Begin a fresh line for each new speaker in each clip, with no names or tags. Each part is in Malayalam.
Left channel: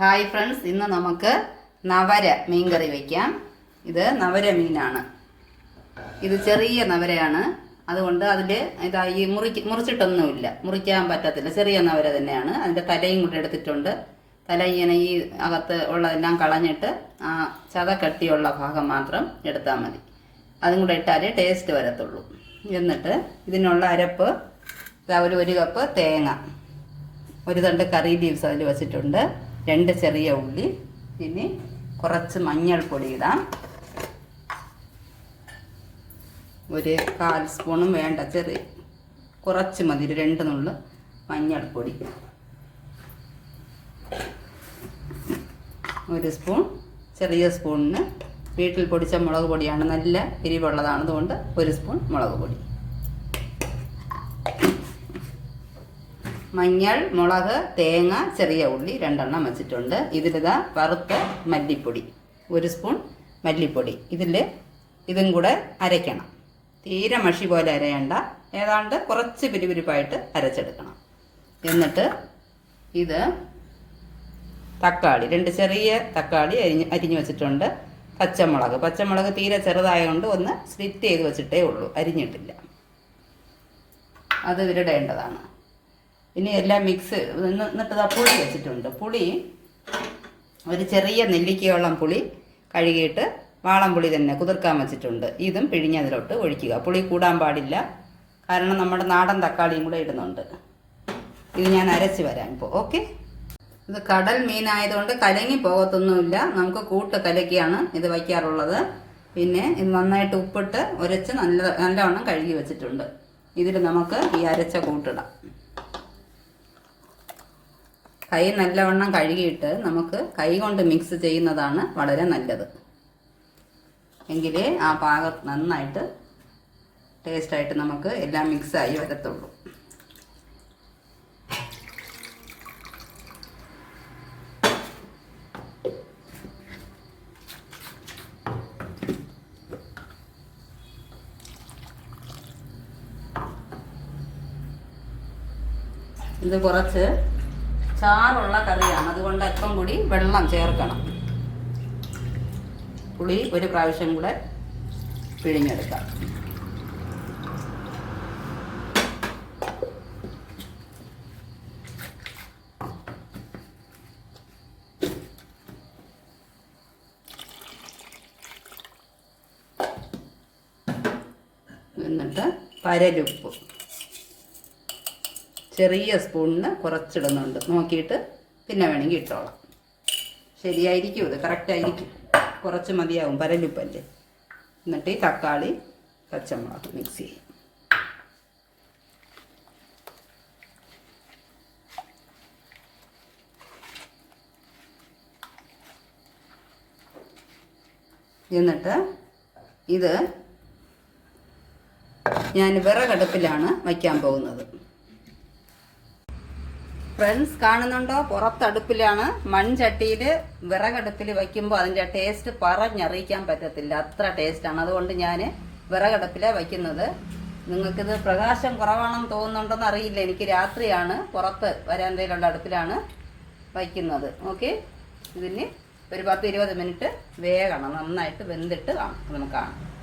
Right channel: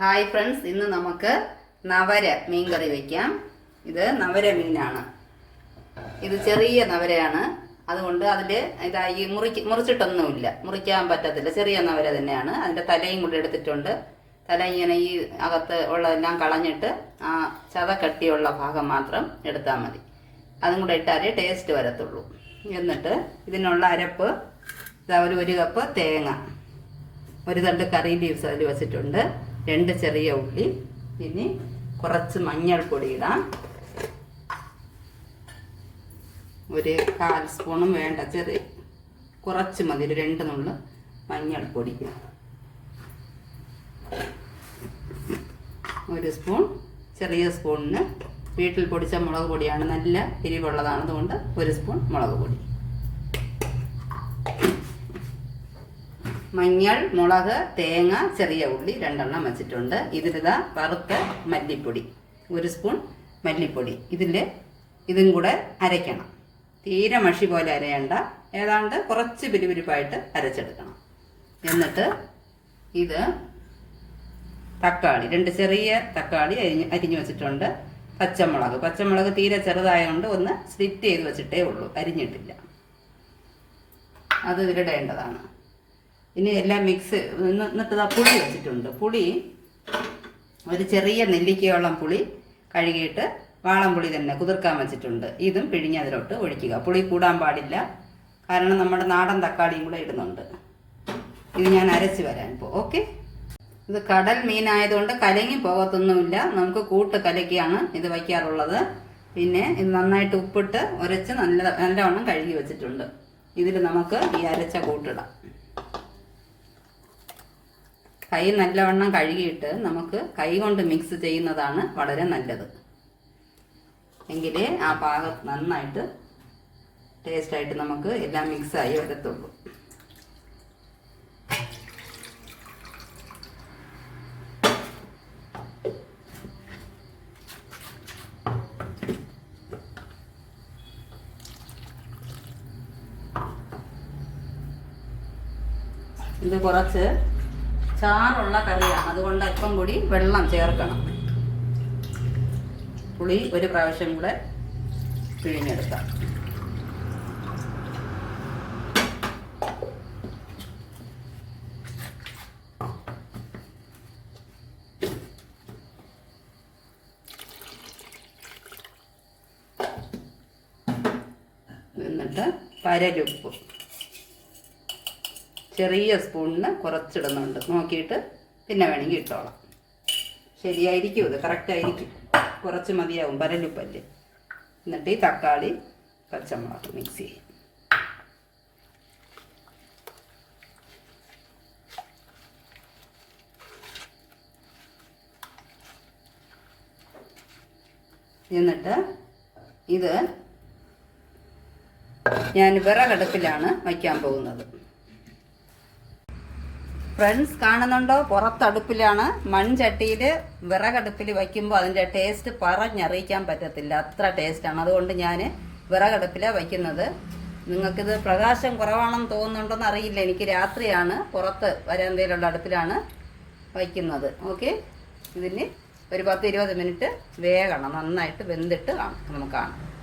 ഹായ് ഫ്രണ്ട്സ് ഇന്ന് നമുക്ക് നവര മീൻ കറി വയ്ക്കാം ഇത് നവര മീനാണ്. ഇത് ചെറിയ നവരയാണ്. അതുകൊണ്ട് അതിൽ ഇതാ ഈ മുറിക്ക് മുറിച്ചിട്ടൊന്നുമില്ല. മുറിക്കാൻ പറ്റത്തില്ല. ചെറിയ നവര തന്നെയാണ്. അതിന്റെ തലയും കൂടെ എടുത്തിട്ടുണ്ട്. തല ഇങ്ങനെ ഈ അകത്ത് ഉള്ളതെല്ലാം കളഞ്ഞിട്ട് ആ ചത കട്ടിയുള്ള ഭാഗം മാത്രം എടുത്താൽ മതി. അതും കൂടെ ഇട്ടാലേ ടേസ്റ്റ് വരത്തുള്ളൂ. എന്നിട്ട് ഇതിനുള്ള അരപ്പ് ഒരു ഒരു കപ്പ് തേങ്ങ. ഒരു തണ്ട് കറി ലീവ്സ് അതിൽ വെച്ചിട്ടുണ്ട്. രണ്ട് ചെറിയ ഉള്ളി ഇനി കുറച്ച് മഞ്ഞൾപ്പൊടി ഇടാം. ഒരു കാൽ സ്പൂണും വേണ്ട ചെറിയ കുറച്ച് മതി ഒരു രണ്ട് നുള്ളു മഞ്ഞൾപ്പൊടി. ഒരു സ്പൂൺ ചെറിയ സ്പൂണിന് വീട്ടിൽ പൊടിച്ച മുളക് പൊടിയാണ് നല്ല എരിവുള്ളതാണ് അതുകൊണ്ട് ഒരു സ്പൂൺ മുളക് പൊടി. മഞ്ഞൾ മുളക് തേങ്ങ ചെറിയ ഉള്ളി രണ്ടെണ്ണം വെച്ചിട്ടുണ്ട്. ഇതിലിതാ വറുത്ത മല്ലിപ്പൊടി. ഒരു സ്പൂൺ മല്ലിപ്പൊടി. ഇതിൽ ഇതും കൂടെ അരയ്ക്കണം. തീരെ മഷി പോലെ അരയണ്ട. ഏതാണ്ട് കുറച്ച് പിരിപിരിപ്പായിട്ട് അരച്ചെടുക്കണം. എന്നിട്ട് ഇത് തക്കാളി രണ്ട് ചെറിയ തക്കാളി അരിഞ്ഞ് അരിഞ്ഞു വെച്ചിട്ടുണ്ട്. പച്ചമുളക്. പച്ചമുളക് തീരെ ചെറുതായതുകൊണ്ട് ഒന്ന് സ്ലിറ്റ് ചെയ്ത് വെച്ചിട്ടേ ഉള്ളൂ. അരിഞ്ഞിട്ടില്ല. അത് ഇതിലിടേണ്ടതാണ് ഇനി എല്ലാം മിക്സ് എന്നിട്ട് ഇതാ പുളി വെച്ചിട്ടുണ്ട്. പുളി ഒരു ചെറിയ നെല്ലിക്കയോളം പുളി കഴുകിയിട്ട് വാളം പുളി തന്നെ കുതിർക്കാൻ വെച്ചിട്ടുണ്ട്. ഇതും പിഴിഞ്ഞതിലോട്ട് ഒഴിക്കുക. പുളി കൂടാൻ പാടില്ല. കാരണം നമ്മുടെ നാടൻ തക്കാളിയും കൂടെ ഇടുന്നുണ്ട്. ഇത് ഞാൻ അരച്ച് വരാൻ ഇപ്പോൾ ഓക്കെ? ഇത് കടൽ മീനായതുകൊണ്ട് കലങ്ങി പോകത്തൊന്നുമില്ല. നമുക്ക് കൂട്ട് കലക്കിയാണ് ഇത് വയ്ക്കാറുള്ളത്. പിന്നെ ഇത് നന്നായിട്ട് ഉപ്പിട്ട് ഉരച്ച് നല്ല നല്ലവണ്ണം കഴുകി വെച്ചിട്ടുണ്ട്. ഇതിൽ നമുക്ക് ഈ അരച്ച കൂട്ടിടാം. കൈ നല്ലവണ്ണം കഴുകിയിട്ട് നമുക്ക് കൈ കൊണ്ട് മിക്സ് ചെയ്യുന്നതാണ് വളരെ നല്ലത്. എങ്കിലേ ആ പാകം നന്നായിട്ട് ടേസ്റ്റായിട്ട് നമുക്ക് എല്ലാം മിക്സായി വരത്തുള്ളൂ. ഇത് കുറച്ച് ചാറുള്ള കറിയാണ്. അതുകൊണ്ട് അല്പം കൂടി വെള്ളം ചേർക്കണം. പുളി ഒരു പ്രാവശ്യം കൂടെ പിഴിഞ്ഞെടുക്കാം. എന്നിട്ട് പരലുപ്പ്. ചെറിയ സ്പൂണിന് കുറച്ചിടുന്നുണ്ട്. നോക്കിയിട്ട് പിന്നെ വേണമെങ്കിൽ ഇട്ടോളാം. ശരിയായിരിക്കും ഇത്. കറക്റ്റ് ആയിരിക്കും. കുറച്ച് മതിയാവും. പരലുപ്പല്ലേ എന്നിട്ട് ഈ തക്കാളി പച്ചമുളക് മിക്സ് ചെയ്യും. എന്നിട്ട് ഇത് ഞാൻ വിറകടുപ്പിലാണ് വയ്ക്കാൻ പോകുന്നത്. ഫ്രണ്ട്സ് കാണുന്നുണ്ടോ? പുറത്തടുപ്പിലാണ്. മൺചട്ടിയിൽ വിറകടുപ്പിൽ വയ്ക്കുമ്പോൾ അതിന്റെ ടേസ്റ്റ് പറഞ്ഞറിയിക്കാൻ പറ്റത്തില്ല. അത്ര ടേസ്റ്റാണ്. അതുകൊണ്ട് ഞാൻ വിറകടുപ്പിലാണ് വയ്ക്കുന്നത്. നിങ്ങൾക്കിത് പ്രകാശം കുറവാണെന്ന് തോന്നുന്നുണ്ടോന്ന് അറിയില്ല. എനിക്ക് രാത്രിയാണ്. പുറത്ത് വരാന്തയിലുള്ള അടുപ്പിലാണ് വയ്ക്കുന്നത്. ഓക്കെ? ഇതിന് ഒരു പത്ത് ഇരുപത് മിനിറ്റ് വേകണം. നന്നായിട്ട് വെന്തിട്ട് കാണാം. നമുക്ക് കാണാം.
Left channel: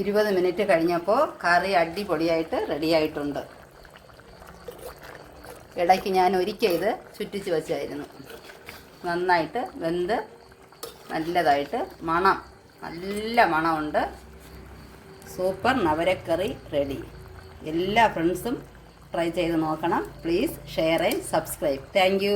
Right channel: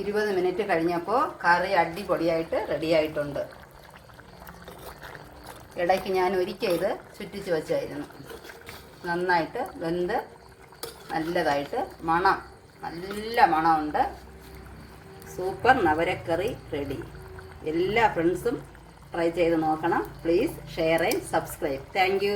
ഇരുപത് മിനിറ്റ് കഴിഞ്ഞപ്പോൾ കറി അടിപൊളിയായിട്ട് റെഡിയായിട്ടുണ്ട്. ഇടയ്ക്ക് ഞാൻ ഒരിക്കൽ ഇത് ചുറ്റിച്ച് വെച്ചായിരുന്നു. നന്നായിട്ട് വെന്ത് നല്ലതായിട്ട് മണം നല്ല മണമുണ്ട്. സൂപ്പർ നവരക്കറി റെഡി. എല്ലാ ഫ്രണ്ട്സും ട്രൈ ചെയ്ത് നോക്കണം. Please share and subscribe. Thank